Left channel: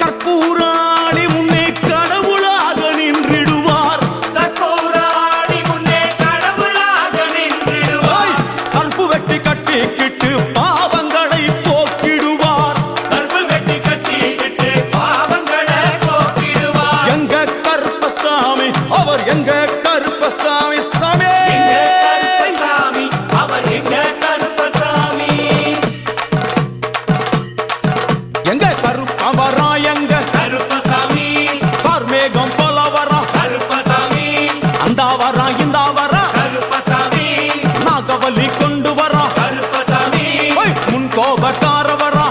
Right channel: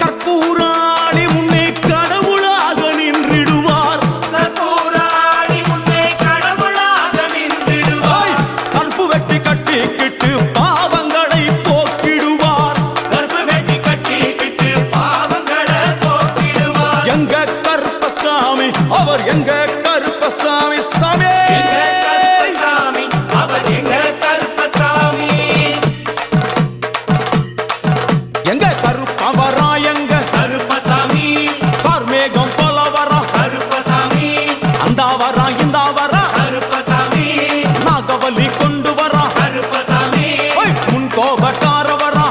கற்பூராணி முன்னே கடவுளாக நின்றிடுவார். கற்பு வெட்டி கட்டிக்கிட்டு பாவங்களை போக்கிடுவார். எங்க கருப்பசாமி, அவர் எங்க கருப்பசாமி சாமி. எங்க கருப்பவரா, எங்க கருப்பசாமி கார்மேகம் போல வரா கருப்பசாமி. அந்த வரா இந்த வரா கருப்பசாமி. நாகவலி கொண்டு வரா கருப்பசாமி. முன் கோபக்கார வரா